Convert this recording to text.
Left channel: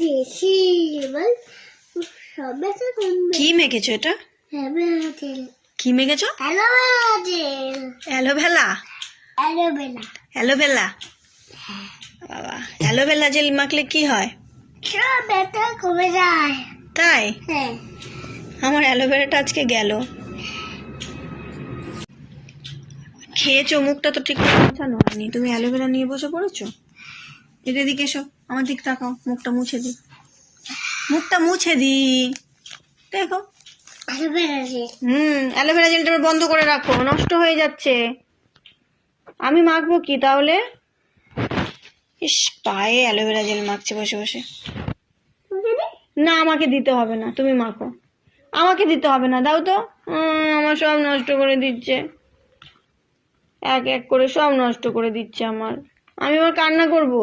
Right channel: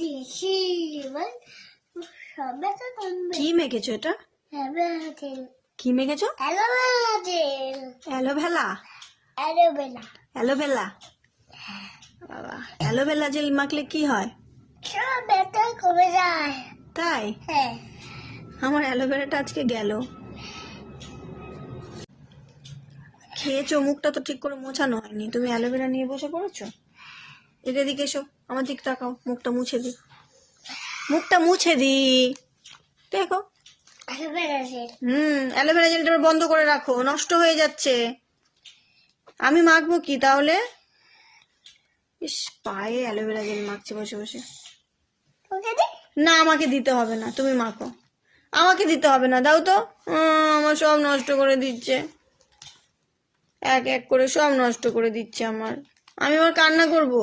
দেশি লেবল সবে তো কি মেখেছো এটা? কি মেখেছো? অ্যালোভেরা। অ্যালোভেরা। বাবা, অ্যালোভেরা জেল মাখলে কি হয়? সব ব্যথা কমে যায়। তাই? হ্যাঁ। আমার অ্যালোভেরাটা আজকে গেল। খেয়েছো, মুখটা তো ঠিক করে মোছানো হয়নি, তুমি অ্যালোভেরা নিয়ে বসে পড়েছো। এদিকে এসো, আমার দিক তাকাও, মুখটা মুছে দি, মুখটা মুছে দি, দেখো। অ্যালোভেরা জেলটা বন্ধ করে রাখো, নষ্ট হয়ে যাচ্ছে। আমি মাখবো কি তাহলে? ইস, পায়ে অ্যালোভেরা জেল মাখছি বসে বসে। না, আমাকে দিতে হবে না, তুমি মাখো। আমাকে দিতে হবে না, দাও তো। আমার সব নষ্ট করে দিচ্ছে, এক এক করে সব নষ্ট করে দিচ্ছে আমার। আমি আবার কান্না করবো।